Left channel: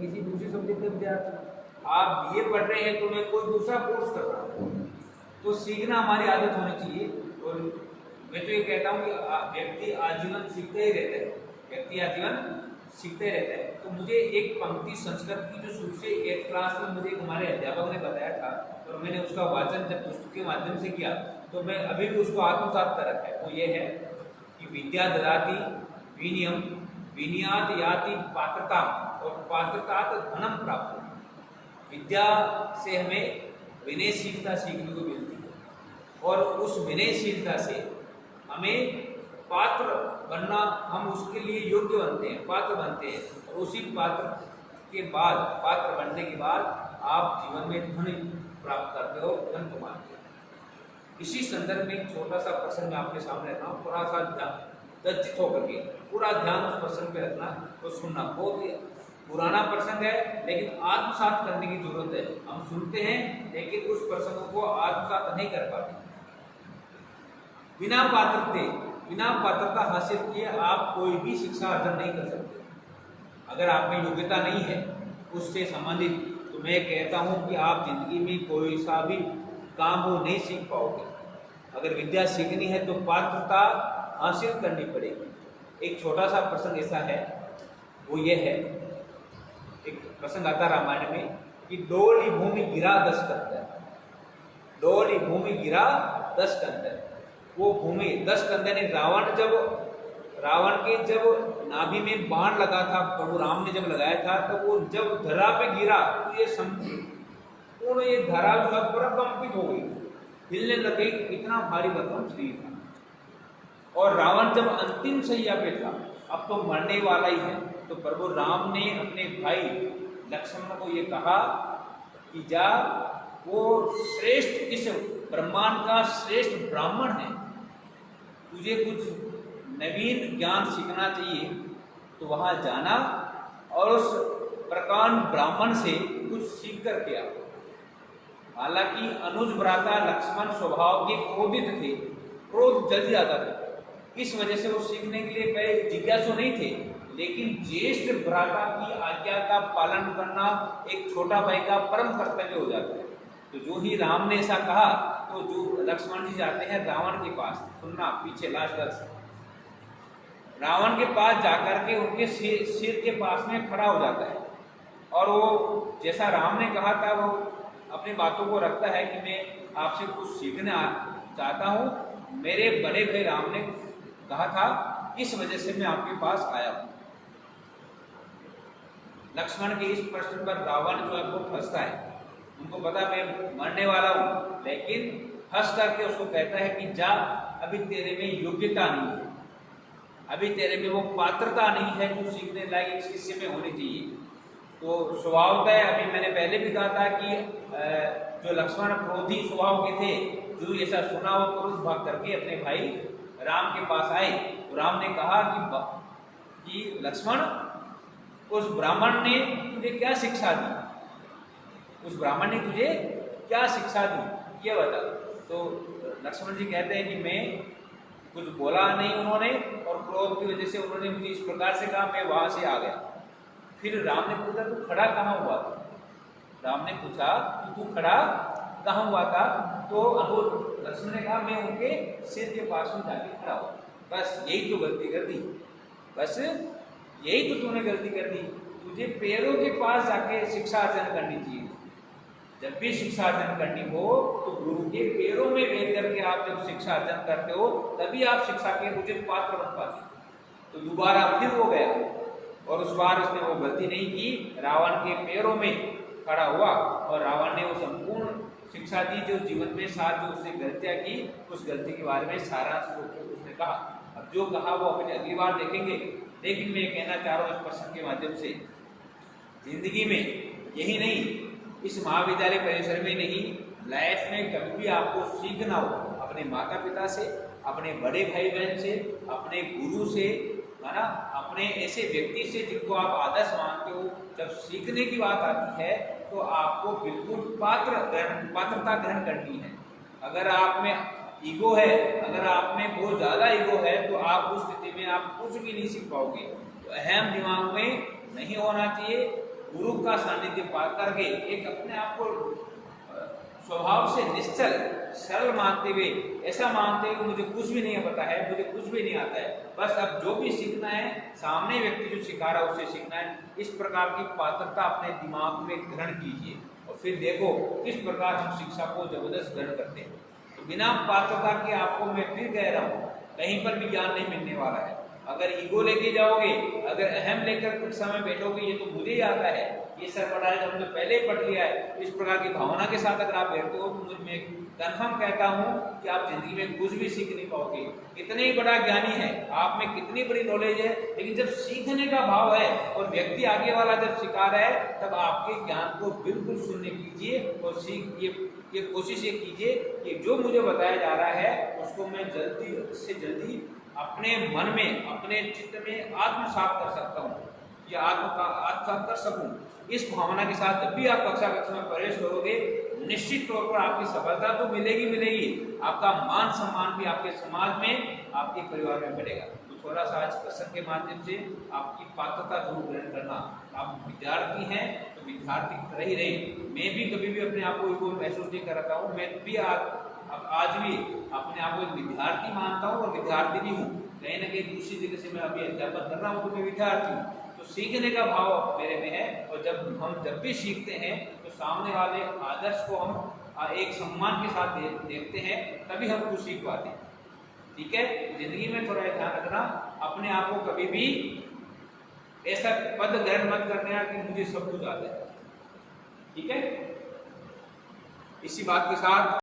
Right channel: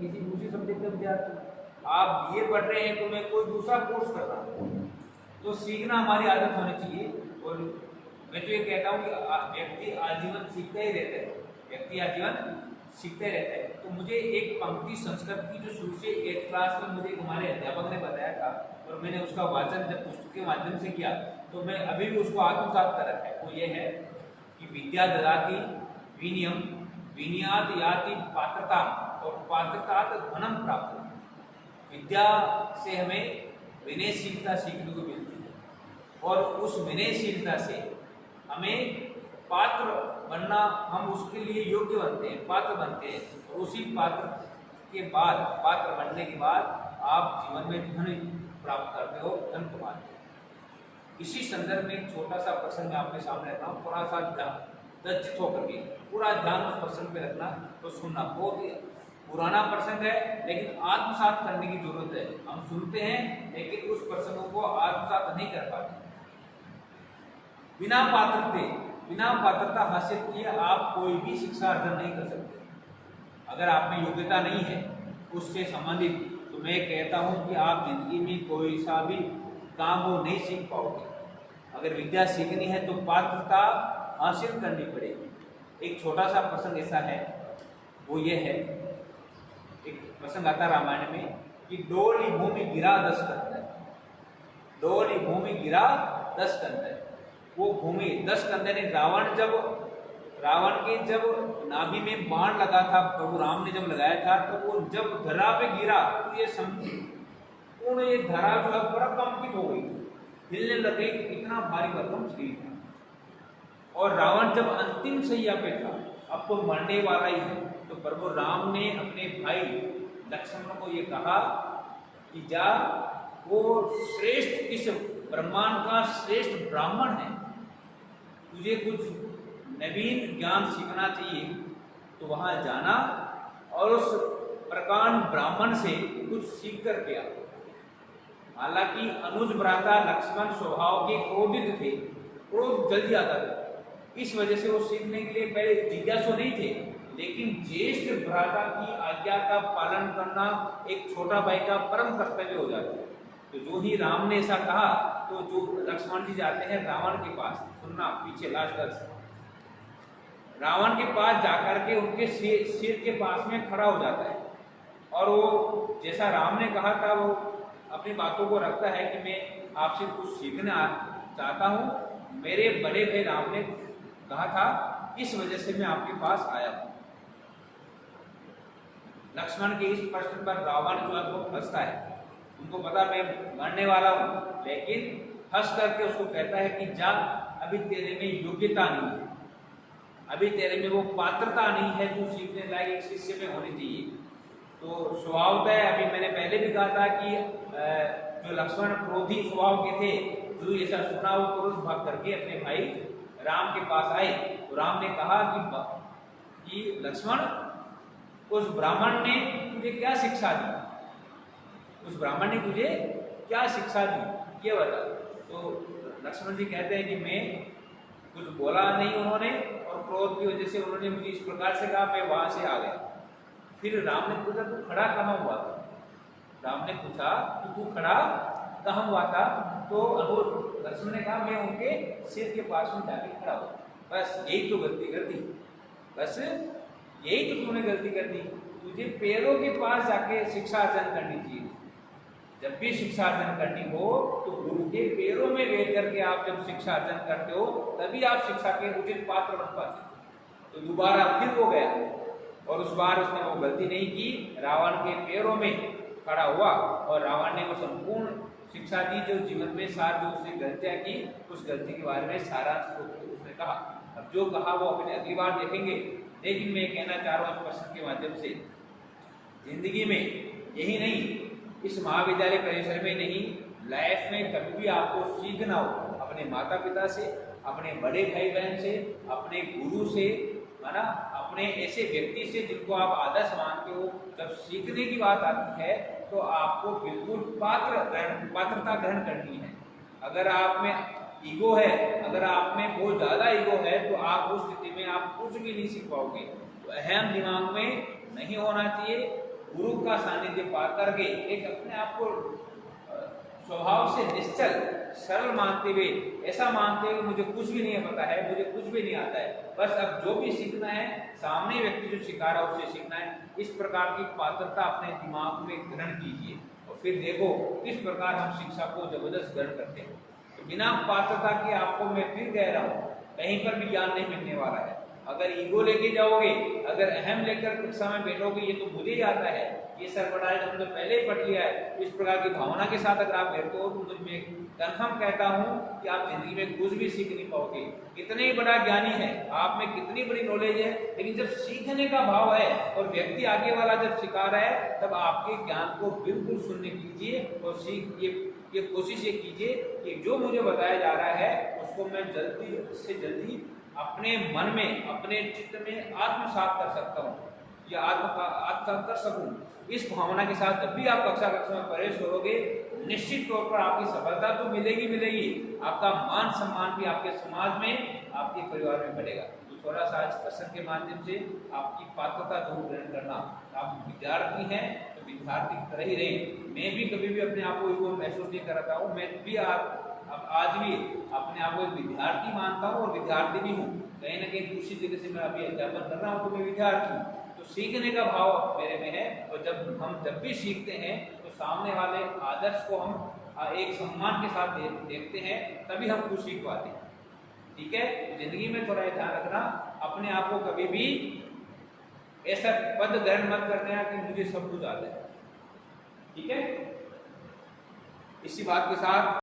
किसी दूसरे सब्जेक्ट के विद्यार्थी, आप बीए पढ़ रहे हैं तो मैं कोई दूसरा कोर्स कर रहा हूँ। तो सीखना हमारी आदत होनी चाहिए। और मैं तो ये कहता हूँ कि व्यक्ति आजीवन सीखते ही रहता है, व्यक्ति आजीवन सीखते रहता है। तो मुझे एक पंक्ति संस्कृत की जो शुरू से 8th क्लास में मुझे हमारे अध्यापक ने बताया था और मैंने उसका वाचन जब पुस्तक के माध्यम से किया तो मैं अभी भी उसको आत्मसात कर रखा है। वो ये है कि विद्या ददाति विनियम विनियात याति पात्रता और पात्रतात धनम प्राप्त होती। विद्या से हमें विनयशीलता सीखने को मिलती है और उस विनयशीलता से हमें पात्र बनना, हम उसके लिए योग्य बनते हैं, पात्र बनते हैं। और उसी पात्र के बाद, पात्र बनने के बाद आप जीवन में धन प्राप्त करते हो, धन कमाते हो। इसी संदर्भ में एक छोटा सा प्रसंग आपके सामने रखना, थोड़ा सा दज्जित होकर के पूरा ध्यान उस प्रसंग पे रखना तो सुनना। बहुत ही पुराना प्रसंग है लेकिन आत्मसात करने की जरूरत है। हम सुनते हैं लेकिन उस प्रसंगों को आत्मसात नहीं कर पाते। बिना पात्रता हासिल किए आप कोई भी शिक्षा अर्जन नहीं कर सकते। अगर आप में योग्यता नहीं है उससे संबंधित, तो मैं कहता हूं कि आप जिंदगी में कोई सा भी काम वो नहीं सीख पाओगे। अगर विद्या सीखनी है तो पात्रता हासिल करनी पड़ेगी। एक छोटा सा प्रसंग ऐसा है, वो ये है, एक प्रसंग आता रामायण में कि डोली भूमि गिरा 10 कंदर, डोली भूमि गिरा 10 कंदर। वो भूमि 10 कंदर ने रावण के जब नाभि में बाण लगा था, प्रभु राम ने जब लगाया था, तो वो जब धरा पे गिरा तो ये समझी पूर्ण ये धरा जो है कंपित हो गई, हिलने लग गई, इतना भारी भरकम शरीर था। और रावण जब अंतिम सैया पे था, अब तो मरने वाला ही है, तो प्रभु राम ने अपने भाई लक्ष्मण को ये कहा कि जा, वो श्रेष्ठ, इस ब्रह्मांड का श्रेष्ठ ब्राह्मण है, तुझे कुछ नवीन ज्ञान सीखना चाहिए तो वहां जाना और उस प्रकांड ब्राह्मण से कुछ सीख कर के आओ। हालांकि अनुज भ्राता लक्ष्मण स्वभाव के क्रोधित थे, क्रोध जल्दी आता था, इस वजह से वो सीखने के लिए पहले जिज्ञासु नहीं थे। लेकिन ज्येष्ठ भ्राता की आज्ञा का पालन करना एक छोटा भाई का परम कर्तव्य हो जाता है। तो जो ही राम ने ऐसा कहा तो जो लक्ष्मण जी जाते हैं रावण के पास, सुनना पीछे लास्ट रावण के पास जाकर के उनके सिर के पास में खड़ा हो जाता है और वो जैसा राम ने कहा था वो अपनी बातों को रखता है कि मैं आपसे कुछ सीखना चाहता हूँ, मेरे बड़े भाई राम ने कहा था, इस वजह से मैं आपके पास आया हूँ। लक्ष्मण के इस प्रश्न पर रावण जो है वो हंसता है, उनको पता मैं मरने वाला हूँ, लेकिन हंस करके उसको कहता है कि जा, अभी तेरे में योग्यता नहीं है, अभी तेरे में वो पात्रता नहीं है जो सीखने लायक शिष्य में होनी चाहिए। तो स्वभावतः अभी मैंने पहले भी कहा था कि जो लक्ष्मण क्रोधी स्वभाव के थे, जो ऐसा सुना वो तुरंत भाग करके अपने भाई राम के पास आए। तो राम ने कहा कि लक्ष्मण, उस ब्राह्मण ने तुझे क्या शिक्षा दी, उस ब्राह्मण ने तुझे क्या शिक्षा दी ये बता। तो लक्ष्मण जी कहते हैं कि मैं कुछ बोला नहीं उन्होंने, और क्रोध की वजह से उन्होंने मुझे इस प्रकार से कहा, मैं वहां से आ गया। फिर राम ने पूछा तू खड़ा कहाँ हुआ था, राम ने पूछा कि तू खड़ा कहाँ हुआ था, तो लक्ष्मण ने कहा मैं उनके सिर के पास में जाके खड़ा हुआ। बस यही तो गलती कर दी, बस यही तो तूने गलती कर दी, तुझे पैरों के पास जाके शिक्षा अर्जन करनी चाहिए। जब भी शिक्षा अर्जन करनी हो तो गुरु के पैरों में बैठ करके आप जब शिक्षा अर्जन करते हो तभी आप शिक्षा के उचित पात्र बन पाते। तो दोबारा फिर वो गया और उस बार उसने वो गलती नहीं की, रावण के पैरों में खड़ा हुआ और रावण ने वो संपूर्ण शिक्षा दी जो जीवन में सार जो उसने गलतियां की, उस गलती के बारे में सारांश उसने कहा। अब जो कहा वो अपने अगली बार देखेंगे, लेकिन मैं कहना चाह रहा हूँ इस प्रश्न के माध्यम से, जिंदगी में यही नहीं, इस महाविद्यालय परिसर में नहीं, लाइफ में कभी भी आपको सीखना हो अपने माता पिता से, अपने बड़े भाई बहन से, अपने गुरु से, है ना, अपने ऐसे व्यक्ति से जिनको आप आदर्श मानते हो, जब सीखने की बात आती है तो आपको बिल्कुल पात्रता ग्रहण करनी है। अगर आप में ईगो है, अगर आप में बहुत ज़्यादा ईगो है तो आप उस स्थिति में आप कुछ भी नहीं सीख पाओगे। तो अहम दिमाग में नहीं होना चाहिए, गुरु का सानिध्य पा करके एक अपने आप को स्वभाव से निश्चल सरल मानते हुए, ऐसा मानते हुए मुझे कुछ भी नहीं पता है, मुझे कुछ भी नहीं आता है, बस अब जो भी सीखना है सामने व्यक्ति जो सिखा रहा है उससे सीखना है, इस प्रकार की पात्रता अपने दिमाग में ग्रहण कीजिए और फिर देखो किस प्रकार हम शिक्षा को जबरदस्त ग्रहण करते हैं। तो बिना पात्रता के आपको मैं फिर कह रहा हूँ कहीं पर भी ज्ञान नहीं मिलने वाला है। अगर ईगो लेके जाओगे, अगर अहम लेकर कक्षा में बैठोगे, ये तो मुझे ही आता है, ये सर पढ़ा है तो हमने पहले ही पढ़ लिया है, इस प्रकार की भावना के साथ अगर आप बैठते हो तो मैं कंफर्म कहता हूँ कि आप जिंदगी में कुछ भी सीख नहीं पाओगे। कितने ही बड़ा ज्ञानी है, आप में कितनी बड़ी नॉलेज है, लेकिन जब सीखने का भाव है और व्यक्ति आगे वाला जब सिखा रहा है तब आपके ज्ञान को बिल्कुल सुनने कीजिए और ये कोशिश ये कीजिए कि जो मुझे बताया जा रहा है उसको मैं जल्दी से जल्दी अपने मन में, अपने चित्त में आत्मसात कर सकता हूँ या आत्मसात कर सकूँ। इस भावना के साथ जब भी आप कक्षा में प्रवेश करोगे निश्चित तौर पर आपकी सफलता तो मिलेगी, आपका मान सम्मान भी आपके समाज में, आपके परिवार में बढ़ेगा। तो थोड़ा सा आज प्रसंग के माध्यम से आपकी पात्रता जरूर ग्रहण करना। आप विद्यार्थी हैं तो विद्यार्थी की तरह ही रहे। मैं भी कभी भी अपने आप को महसूस नहीं कराता हूँ, मैं भी आज भी अपने आप को एक विद्यार्थी मानता हूँ और विद्यार्थी भी हूँ। कहीं ना कहीं दूसरी जगह से मैं अभी अध्यापन कर रहा हूँ तो मैं विद्यार्थी हूँ। तो सीखने का भाव मेरे में है और जब भी सीखते हैं तो सामने वाले आदर्श को हम एक सम्मान के साथ देखते हैं, तभी हम कुछ सीख पाते हैं। ठीक है, जिंदगी में थोड़ा ध्यान रखना, अपने आप को कभी भी ऐसा पद ग्रहण मत करना कि मुझे सब कुछ आता है। ठीक है, इसी बात के साथ